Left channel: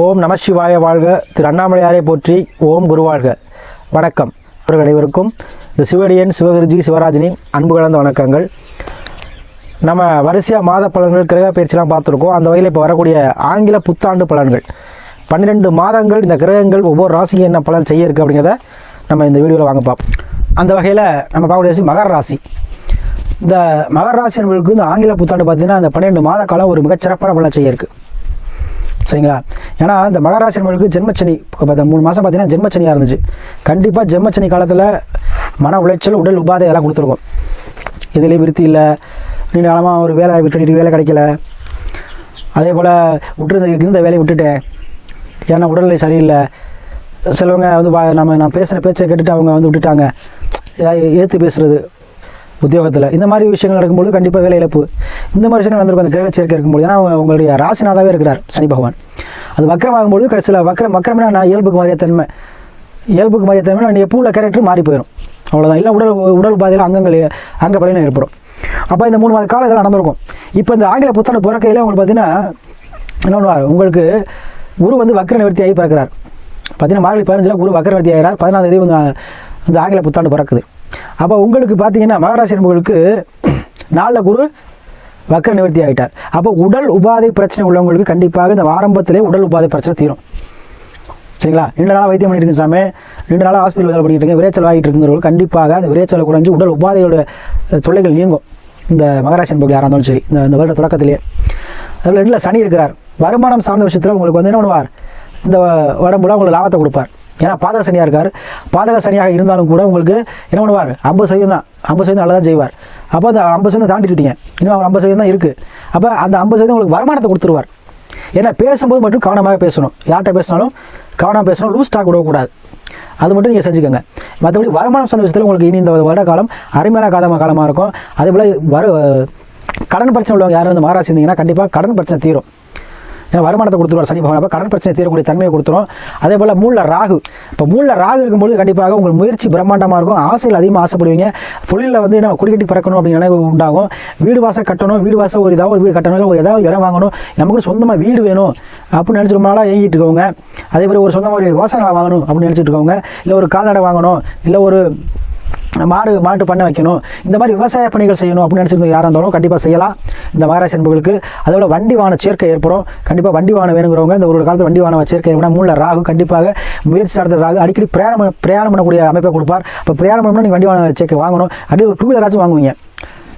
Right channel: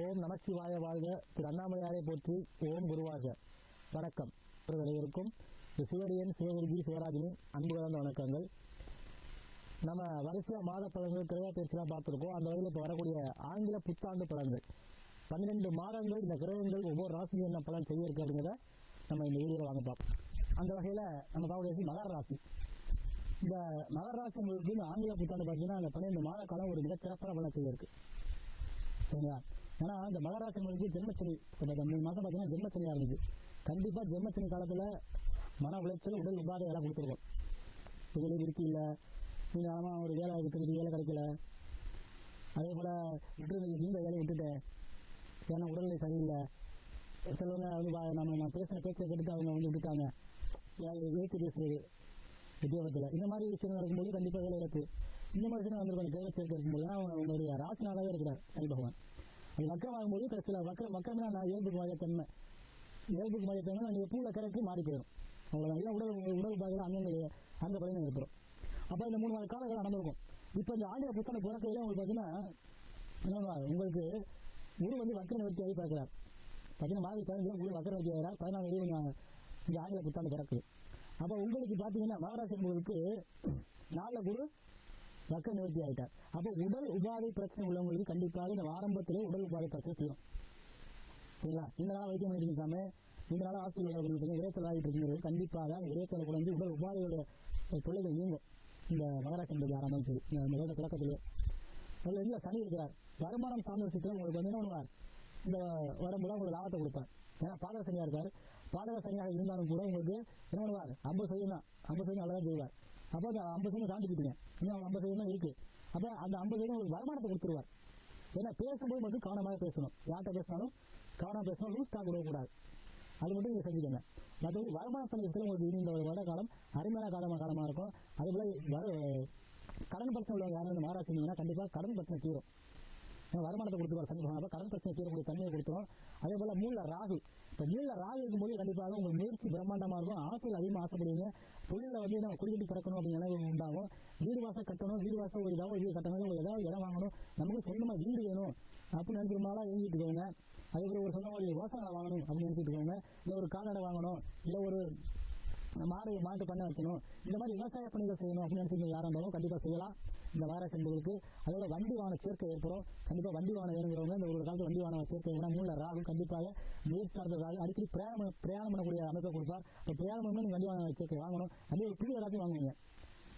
ஓம் நம சிவாய வாழ்க. திரு அண்ணாமலையாரை போற்றி ஓம் குருவாழ்க வணக்கம். இவர்கள் அனைவருக்கும் இந்த சிவடியன் சிவகுருஜி சிவராஜனின் அன்பு கலந்த வணக்கங்கள். நம்ம வரிசையாக மாத பலன்கள் கிரக பயிற்சிலாம் பார்த்துருக்கோம். அந்த வகையில் இப்போ வரக்கூடிய ஆங்கில புத்தாண்டு பலன்கள். பன்னிரெண்டு மாதங்கள் இந்த கிரகங்கள் ஒவ்வொரு ராசிக்கு என்ன பலன் செய்ய இருக்குது அப்படிங்கிறத நம்ம இந்த வீடியோவில் வாங்க பார்ப்போம். அந்த வகையில் நம்ம பார்க்கக்கூடிய ராசி மகர ராசி. இந்த மகர ராசி என்பவர்களுக்கு இந்த ஆங்கில புத்தாண்டு பார்த்தீங்கன்னா அந்த பன்னிரெண்டு மாத காலம் ஒரு மிகச்சிறப்பான பலன் செய்ய இருக்குது சரிங்களா? ஏன்னா இந்த மகராசி ஜென்மச்சனி இப்போ மூணு மாதம் பார்த்தீங்கன்னா ஜென்மச்சனியாக இருந்துச்சு. கண்டிப்பாக ஜென்மச்சனி காலத்தில் மன உளைச்சல் உடல் உபாதை எல்லாம் கொடுத்துருக்கோம். இதுலேயும் விருத்தி இல்லை நீண்ட காலமாக ஒரு வேலை விட்டு இது வேலை கிடைக்கல. அதே போல் விட்டு இருந்த வேலையை விட்டுட்டேன். ஏன்னா உடல்நிலை சரியில்லை. சிலவங்க வந்து நம்ம நான் பேசுகிற பேச்சை கேட்டுட்டு அவங்க வந்து விட்டுட்டாங்க. ஏதாவது ஏற்று பேசுகிறது உத்தியோகத்தில். இந்த மாதிரி விஷயங்கள் நடக்கும்போது கண்டிப்பாக வேலை இழப்பு. இந்த மாதிரி விஷயங்கள் நடந்திருக்கும். அந்த கிரக சேர்க்கை இருக்கும்போது. ஏன்னா அவங்க- உங்களுடைய ராசிநாதாவே இருக்கிறார் சனி பகவான். அது வக்கரமாகும்போது கடைசியில் வக்கரம் வக்கரம்னா நான் இயல்புக்கு மாறிய தன்மை. இயல்புக்கு மாறிய தன்மை நான் எப்போ உள்ள கேரக்டர் மாறி போயிடும் அவ்வளோதான் இல்லை உடல் உடல் பாதையில் அங்கங்கள் அங்க பலனும் ஏற்படும். அப்போ இந்த மூணு மாத காலம் இதெல்லாம் நடந்திருக்கும். இப்போ இந்த ஆங்கில புத்தாண்டு பிறக்கையில் உங்களுக்கு பார்த்தீங்கன்னா என்ன பண்ணுவார்? உங்களுக்கு குரு வந்து வக்கர நிவர்த்தி ஆகி பிறக்கிறார். பார்த்தீங்கன்னா மார்கழி பதினஞ்சில் குரு வக்கர நிவர்த்தி ஆகிறார். பதினாலாம் தேதி இந்த ஆங்கில புத்தாண்டு பிறக்குது. அப்போ உங்களுக்கு பார்த்தீங்கன்னா மகராசி என்பவர்களுக்கு நாளில் குரு வக்கர நிவர்த்தி ஆகிட்டார் அப்போ உடல் உபாதை பிரச்சனை உள்ளவங்களுக்கு கண்டிப்பாக இந்த ஆரம்பத்திலே உடல் உபாதை பிரச்சனை தீரும். சரிங்களா? ரெண்டு நாளாக வைத்தியம் பண்ணிட்டு இருக்கேன் சாமி. ரெண்டு நாளாக ஹாஸ்பிட்டல் வேலை பண்ணிட்டு இருக்கேன் விரைச்சல் ஆகிட்டு இருக்குங்கிறவங்க கண்டிப்பாக அந்த விரைச்சலை குறைஞ்சு உடல் உபாதையோட அஹ், தொல்லைகள் நீங்கும். இந்த மகராசி என்பவர்கள் யாராக இருந்தாலும் சரி இந்த இந்த வருட தொடக்கத்திலே. அதில் ரெண்டில் சனி இருக்கிறார். வருமானம் சார்ந்த விஷயத்தில் உங்களுக்கு வந்து என்ன பண்ணுவார்? இந்த உடம்புல உங்களுக்கு லாபத்தை கொடுப்பார். ஏன்னா பாதக சனியாக இருக்கார். பாதக சனியாக இருந்தாலும் கூட உங்களுக்கு என்ன பண்ணுவார்? ஐம்பது சதவீதம் தான். ஐம்பது சதவீதம் தான் செய்வார். அப்போ அந்த ஐம்பது சதவீதம் தாண்டிட்டுட்டீங்க இன்னும் அவர் ஐம்பது சதவீதம் தான் இருக்குது அப்போ அந்த ஐம்பது சதவீதம் உங்களுக்கு வருமானத்தை கொடுத்துருவார். ஏன்னா பேசும்போது மட்டும் கவனமாக பேசணும். யார்கிட்ட பேசினாலும் கவனமாக பேசணும். லூஸ் ஸ்டாக் விடக்கூடாது அது மட்டும் நீங்கள் செஞ்சுக்கோங்க. மற்றபடி வருமானம் சார்ந்த விஷயத்தில் உங்களுக்கு இனி இந்த வருட காலம் அருமையான காலமாக காலமாக இருக்கும். அதே போல் வரு கடன் பிரச்சனை உள்ளவங்க யாரும் வந்து மாறாசி இருந்தீங்கன்னா கண்டிப்பாக கடன் பிரச்சனை தீரும். வருமானத்தை கொடுத்துருவார் சனி பகவான். அப்போ கடன் பிரச்சனை தீரக்கூடிய தன்மையை கொடுத்துரும். அதே போல் மூல ராகு. இப்போ மூல ராகு இருக்கும்போது கண்டிப்பாக உங்கள் முயற்சி பிரம்மாண்டமாக இருக்கும். ஆசையில் அதிகமாக ஆசைப்படுவீங்க. தொழிலில் வந்து நம்ம குடிக்கட்டி பறக்கணும் அப்படின்னு நினைவு உண்டாகும். வீடு வாசல் கட்டணும். வீடு வாசல் ஒரு ஏதாவது ஒரு வீடு கட்டணும். இல்லை ஏதாவது இடம் வாங்கணும். நமக்கு சொந்தமாக வீடு வேணும் அப்படின்னு நினச்சி ரொம்ப நாளாக இயங்கிட்டு இருக்கவங்க. அதே மாதிரி ஒரு சொந்தமாக ஒரு விவசாயம் வாங்கணும் அப்படின்னு நினச்சிட்டு இருக்கவங்க. இல்லை ஒரு கால்நடை வாங்கணும். இல்லை ஒரு மாடு மாட்டு பண்ணை வைக்கணும். இந்த மாதிரி விவசாய பணிகள் செய்யணும் அப்படின்னு நினச்சிருந்தோம் யாராக இருந்தாலும் கண்டிப்பாக செய்யலாம். இந்த மகராசி என்பவர்களுக்கு அதோட வண்டி வாகன சேர்க்கை ஏற்படும். கண்டிப்பாக வண்டி வாகனம் வேணுங்கிறவங்க இந்த ஒரு காலத்தில் வண்டி வாகன சேர்க்கை ஏற்படும். மூல ராகு கண்டிப்பாக முயற்சி சார்ந்த ராகு. அடிக்கடி பிரயாணம் பிரயாணம் பண்ணக்கூடிய அமைப்பை கொடுப்பார். இப்போ பிரயாணம் பண்ணணும் நீங்கள் வண்டி வாகன சேர்க்கை வாங்கணும். அப்படியே ஒரு டூ வீலராச்சும் வாங்குவீங்க.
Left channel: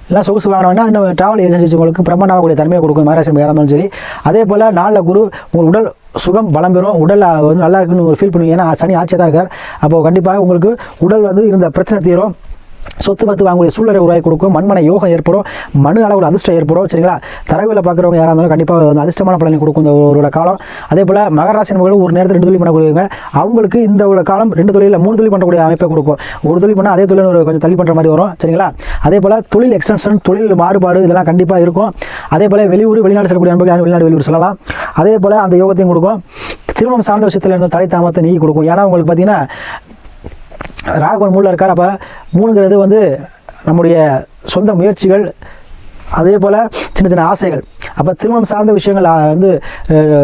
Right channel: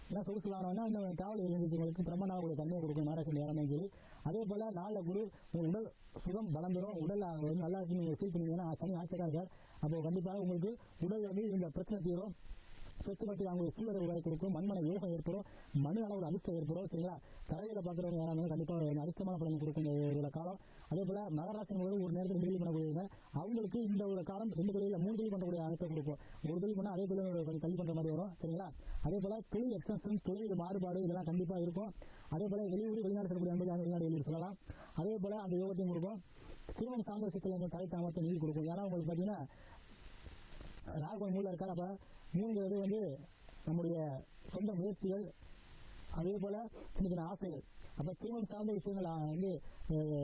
எல்லாம் சொகுசு வாங்கினோம்னா இன்னும் ட்ராவல் ஏஜென்சி உங்களுக்கு பிரம்மாண்டமாகக்கூடிய தன்மையை கொடுக்கும். மகாராசி யாராக இருந்தாலும் சரி. அதே போல் நாளில் குரு உங்கள் உடல் சுகம் பலம் பெறும். உடல் வந்து நல்லா இருக்குன்னு ஒரு ஃபீல் பண்ணுவீங்க. ஏன்னா சனி ஆட்சியாக தான் இருக்கார். அப்போ கண்டிப்பாக உங்களுக்கு உடல் வந்து இருந்த பிரச்சனை தீரும். சொத்து பத்து வாங்கக்கூடிய சூழ்நிலை உருவாக்கி கொடுக்கும். மண்மனை யோகம் ஏற்படும். மனு அளவில் அதிர்ஷ்டம் ஏற்படும். சரிங்களா? தரவில் பார்க்குறவங்க யாராக இருந்தாலும் கண்டிப்பாக வந்து அதிர்ஷ்டமான பலனை கொடுக்கும் இந்த ஒரு காலம். அதே போல் மகராசி நபர்கள் ஒரு நேரத்தில் ரெண்டு தொழில் பண்ணக்கூடியவங்க. அவங்களுக்கு இந்த ஒரு காலம் ரெண்டு தொழிலில் மூணு தொழில் பண்ணக்கூடிய அமைப்பை கொடுக்கும். ஒரு தொழில் பண்ணால் அதே தொழில் ஒரு கொஞ்சம் தள்ளி பண்ணுற மாதிரி வரும். சரிங்களா? அதே போல் தொழில் எக்ஸ்டென்ஷன் தொழில் மாறுபாடு இதெல்லாம் கண்டிப்பாக இருக்கும். அதே போல் வெளியூர் வெளிநாடு செல்லக்கூடிய நண்பர்கள் வெளிநாடு வெளியூர் சொல்லலாம். அதே போல் அந்த யோகத்தையும் கொடுக்கும். திருமணம் சார்ந்த விஷயத்தில் இருந்த தடை தாமத்தை நீக்கி கொடுக்கும். ஏன்னா உங்களுக்கு பார்த்தீங்கன்னா ராகவன் மூணில் இருக்கார். அப்போ மூணுங்கிறது வந்து நம்முடைய சொந்த முயற்சிகள் அதே போல் சின்ன சின்ன ஆசைகள். அப்போ திருமணம் சார்ந்த விஷயங்கள் வந்து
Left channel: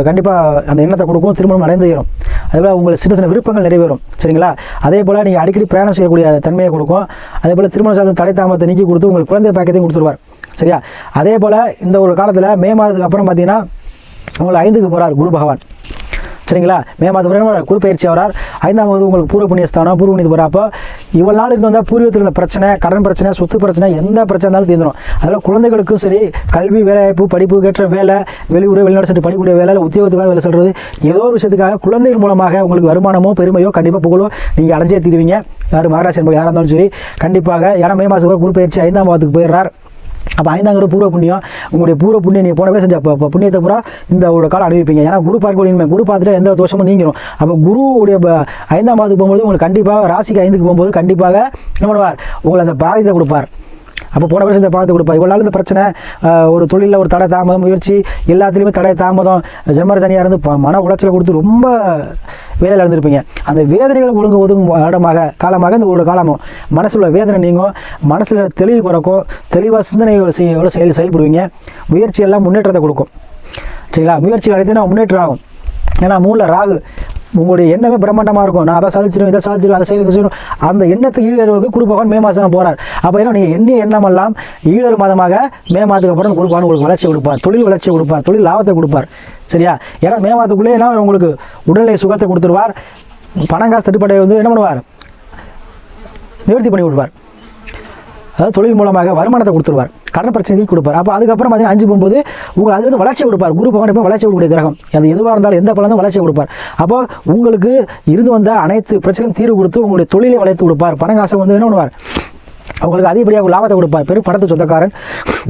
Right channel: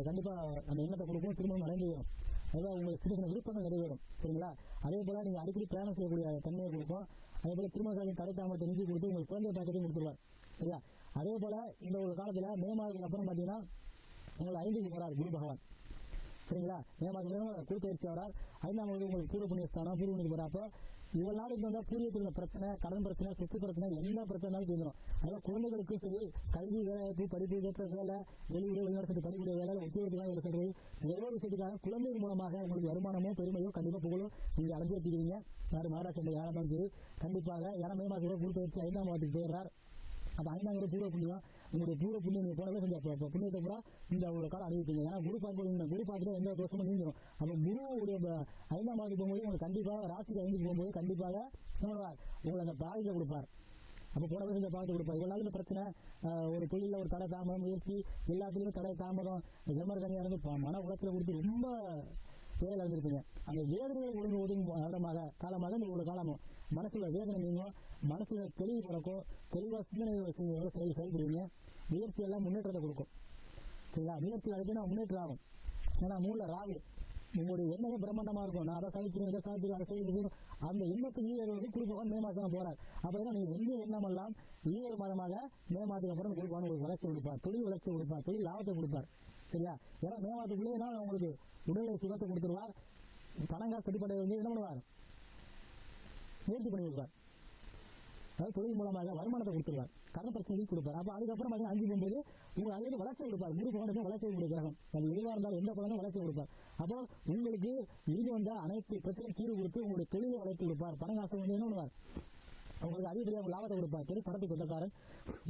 கண்டிப்பாக அந்த எண்ணத்தை கொடுக்கும் திருமணம் அடைந்து ஏறும் அதே போல் உங்களுக்கு சின்ன சின்ன விருப்பங்கள் நிறைவேறும் சரிங்களா? அதே போல் நீங்கள் அடிக்கடி பிரயாணம் செய்யக்கூடிய தன்மையை கொடுக்கும். அதே போல் திருமணம் சார்ந்த தடை தாமத்தை நீக்கி கொடுத்து உங்களுக்கு குழந்தை பாக்கியத்தையும் கொடுத்துருவார் சரியா? அதே போல் இந்த ஒரு காலத்தில் மே மாதத்துக்கு அப்புறம் பார்த்தீங்கன்னா உங்களை ஐந்துக்கு போகிறார் குரு பகவான். சரிங்களா? மே மாதம் வரைக்கும் குரு பயிற்சி வரார் ஐந்தாம் வகுப்பு உங்களுக்கு பூர்வ புண்ணியஸ்தானம் பூர்வ புண்ணியத்து போகிறப்போ இவ்வளோ நாள் இருந்து வந்தால் பூர்வீகத்தில் உள்ள பிரச்சனை கடன் பிரச்சனை சொத்து பிரச்சனை எந்த பிரச்சனை இருந்தாலும் தீர்ந்துடும் அதில் குழந்தைகளுக்கும் சரி கல்வி வேலைவாய்ப்பு படிப்பு கேட்ட வேலை வெளியூர் வெளிநாடு சென்று படிக்கக்கூடிய வேலை இல்லை உத்தியோகத்துக்காக வேலை சொல்கிறது ஏதோ ஒரு விஷயத்துக்காக குழந்தைகள் மூலமாக உங்களுக்கு வருமானமோ பெருமையோ கண்டிப்பாக புகழோ நீங்கள் அடைஞ்சே தீருவீங்க. யார் மகாராஷ்டிரா என்பது யாராக இருந்தாலும் சரி கண்டிப்பாக. ஏன்னா மே மாதத்துக்கு குரு பயிற்சி ஐந்தாம் மாதத்துக்கு போயிடுறார். அப்போ ஐந்தாங்கிற பூர்வ புண்ணியம் உங்களுடைய பூர்வ புண்ணியம் நீங்கள் போனவே செஞ்ச அப்போ புண்ணியத்தை பூரா இந்த ஒரு காலம் அனுபவிப்பீங்க. ஏன்னா குரு பார்க்கக்கூடிய குரு பார்த்துட்டு எந்த தோஷமும் நீங்கிடும் அப்போ குருவுடைய ஐந்தாம் மாதத்துக்கு போகும்போது உங்களுக்கு கண்டிப்பாக ராசிக்கு ஐந்துக்கு போகும்போது கண்டிப்பாக என்ன பண்ணுவார்? உங்களை அந்த பாரதியத்தை கொடுப்பார். அப்போ போன வருஷத்தை பார்த்து கொடுப்பா. இவ்வளோ நாள் இந்த பிரச்சனை ஒரு தொழிலில் ஒரு தடை தாமதம் முயற்சி எல்லாத்துலேயுமே தடை தாமதம். ஜெமர் தனியாக இருந்து மன உளைச்சலை கொடுத்து ரொம்ப வேலையில் இருந்திருப்பீங்க. அந்த வேதனைகள் ஒழுங்கு ஒதுங்கும் இடமாக காலமாக இந்த ஒரு காலமும். மனசில் உள்ள வேதனை நீங்கும். மனசில் தெளிவு பிறக்கும். தெளிவாக சிந்தனை செய்ய எவ்வளோ செயல் செயல்படுவீங்க. முயற்சி எல்லாம் முன்னேற்றத்தை கொடுக்கும். சரிங்களா? முயற்சி அடைத்து நான் முன்னேற்றம் ஆகும். ஏன்னா மூணில் ராகு. உங்களுடைய எண்ணமே பிரம்மாண்டமாக இருக்கும். நான் அதை சாதிச்சிடும் இதை சாதிச்சிடும் அதை செய்து செய்யணும். அந்த எண்ணத்தை ஈழருக்கு குரு மே மாதம் போகிறார் அப்போ என்ன நீங்கள் எண்ணிய எண்ணமெல்லாம் ஈழர் மாதமாக மே மாதத்துக்கு அப்புறம் குரு உங்களுக்கு வளர்ச்சி கொடுப்பார். தொழில் வளர்ச்சி கொடுப்பார். தொழில் லாபத்தை கொடுப்பார். சரியா? ஏன்னா மே மாதத்துக்குள்ளே என்ன உங்களுக்கு உடல்நிலை சுகத்தை கொடுத்துருவார். பணம் காசு தட்டுப்பாட்டை வந்து என்ன பண்ணுவார்? நிவர்த்தி பண்ணி விடுவார். அதாவது தொழில் மூலமாக வருமானத்தை கொடுத்துருவார். கடன் பிரச்சனைக்கு கொடுப்பார். அப்போ அதுக்கப்புறம் பார்த்தீங்கன்னா அஞ்சு போகும்போது உங்களுக்கு அது வந்து வளர்ச்சி கொடுப்பார். குரு பகவான் வளர்ச்சி கொடுக்கக்கூடிய கிரகம். அது எதுவாக இருந்தாலும் எந்த பலனும் வளர்ச்சி கொடுப்பார். அப்போ உங்களுக்கு இருந்து வந்த அனைத்து பிரச்சனையும் தீர்வு கொடுத்து உங்களுடைய தொழிலை வளர்த்து கொடுப்பார். பணம் காசை வந்து என்ன பண்ணுவார்? உங்களுக்கு அதிகப்படியாக லாபத்தை கொடுப்பார். பெரும் பணத்தை சொந்தக்காரன்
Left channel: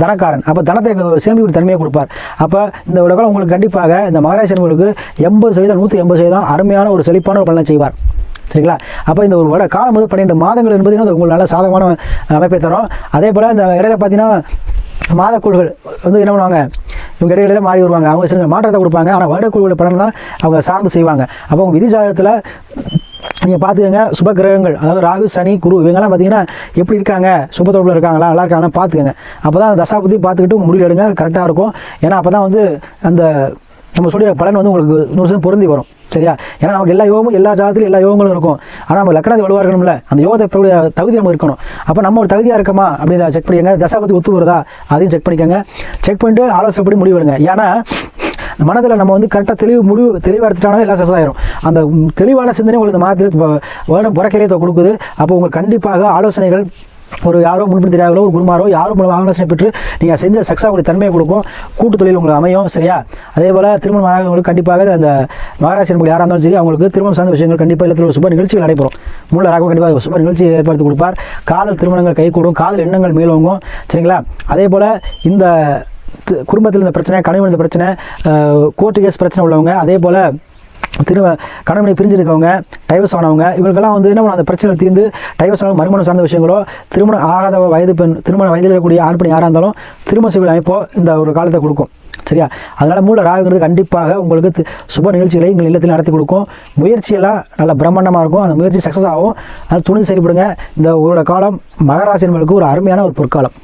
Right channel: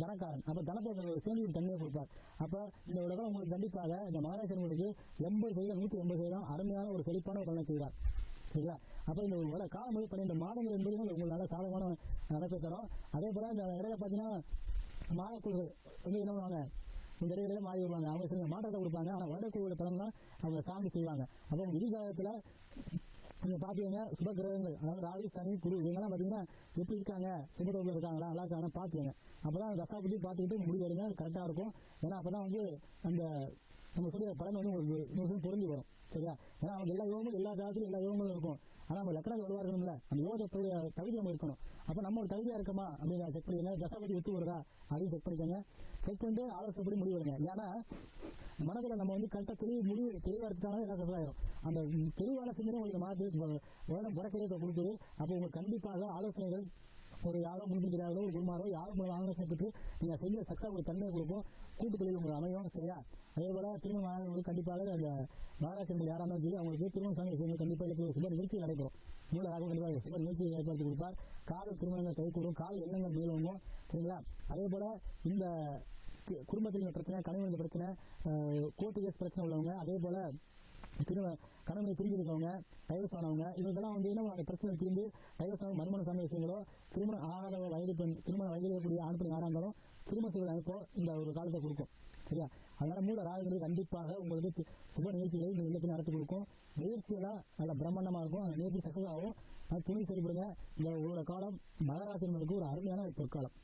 தனக்காரன். அப்போ தனத்தை சேமிப்பு தன்மையை கொடுப்பார். அப்போ இந்த உலகம் உங்களுக்கு கண்டிப்பாக இந்த மகராசர்களுக்கு எண்பது சதவீதம் நூற்றி எண்பது சதவீதம் அருமையான ஒரு செழிப்பான ஒரு பலனை செய்வார். சரிங்களா? அப்போ இந்த ஒரு வட காலம் வந்து பன்னெண்டு மாதங்கள் என்பது இன்னும் உங்களுக்கு நல்ல சாதகமான அமைப்பை தரும். அதே போல் இந்த இடையில பார்த்தீங்கன்னா மாதக்குழுகள் வந்து என்ன பண்ணுவாங்க? இவங்க இடையில மாறி வருவாங்க. அவங்க சில மாற்றத்தை கொடுப்பாங்க. ஆனால் வருடக்குழுவில் பலன் தான் அவங்க சார்ந்து செய்வாங்க. அப்போ உங்கள் விதி ஜாதகத்தில் நீங்கள் பார்த்துக்கங்க சுப கிரகங்கள் அதாவது ராகு சனி குரு இவங்கெல்லாம் பார்த்தீங்கன்னா எப்படி இருக்காங்க? சுப தொடர்பில் இருக்காங்களா? நல்லா இருக்காங்கன்னா பார்த்துக்கங்க அப்போ தான் தசாபதி பார்த்துக்கிட்டு முடிவு எடுங்க. கரெக்டாக இருக்கும். ஏன்னா அப்போ தான் வந்து அந்த நம்ம சொல்லிய பலன் வந்து உங்களுக்கு நூறு சதவீதம் பொருந்தி வரும். சரியா? ஏன்னா நமக்கு எல்லா யோகமும் எல்லா ஜாதத்திலும் எல்லா யோகங்களும் இருக்கும். ஆனால் நம்ம லக்கணத்தை வலுவாக இருக்கணும்ல அந்த யோகத்தை தகுதி நம்ம இருக்கணும். அப்போ நம்ம ஒரு தகுதியாக இருக்கமா? அப்படின்னு செக் பண்ணிக்கங்க. தசாபத்தி ஒத்து வருதா? அதையும் செக் பண்ணிக்கோங்க. செக் பண்ணிட்டு ஆலோசனைப்படி முடிவு எடுங்க. ஏன்னா மனதில் நம்ம வந்து கரெக்டாக தெளிவு முடிவு தெளிவாக எடுத்துட்டாலும் எல்லாம் சக்ஸஸ் ஆயிரும். அந்த தெளிவான சிந்தனை உங்களுக்கு இந்த மாதத்தில் வேணும் புறக்கிரியத்தை கொடுக்குது. அப்போ உங்களுக்கு கண்டிப்பாக ஆலோசனைகள் ஒரு யாரோ முன்பின் தெரியாதோ ஒரு குருமாரோ யாரோ மூலம் ஆலோசனை பெற்று நீங்கள் செஞ்ச சக்ஸாக உங்களுக்கு தன்மையை கொடுக்கும் கூட்டு தொழில் உங்களுக்கு அமையும் சரியா? அதே போல் திருமணம் ஆகிறவங்களுக்கு கண்டிப்பாக அந்த மகாராசி உங்களுக்கு யாராக இருந்தாலும் சரி அவங்களுக்கு திருமணம் சார்ந்த விஷயங்கள் கண்டிப்பாக இல்லத்தில் ஒரு சுப நிகழ்ச்சிகள் நடைபெறும். மூல ராகம் கண்டிப்பாக சுப நிகழ்ச்சி ஏற்படுத்தி கொடுப்பார். காதல் திருமணங்கள் கைகூடும் காதல் எண்ணங்கள் மேலோங்கும் சரிங்களா? அதே போல் இந்த குடும்பத்தில் இந்த பிரச்சனை கணவன் இந்த பிரச்சனை கோர்ட்டு கேஸ் பிரச்சனை உள்ளவங்க அதே போல் திரும்ப கணவனை பிரிஞ்சிருக்கவங்க டைவர்ஸ் ஆனவங்க இவங்களுக்கெல்லாம் வந்து என்ன பண்ணும், அந்த பிரச்சனை தீர்ந்து டைவர்ஸ் ஆன மறுமணம் சார்ந்த விஷயங்களோ திருமணம் ஆகாத வயது பெண் திருமண வயதில் இருக்கக்கூடிய ஆண் பெண் யாராக இருந்தாலும் திருமண செய்ய அமைப்போ இந்த ஒரு காலத்தை கொடுக்கும். சரியா? அதனால் மூல ராகுங்கிறது கண்டிப்பாக உங்களுக்கு சுப நிகழ்ச்சிகளை எங்கள் இல்லத்தில் நடத்தி கொடுக்கும். முயற்சியெல்லாம் நல்ல பிரம்மாண்டமாக இருக்கும். அந்த முயற்சி சக்ஸஸ் ஆகும். அது துணிந்து செயல்படுங்க. இந்த ஒரு காலம் மகராசி என்பதற்கு ஒரு அருமையான ஒரு பொற்காலம்.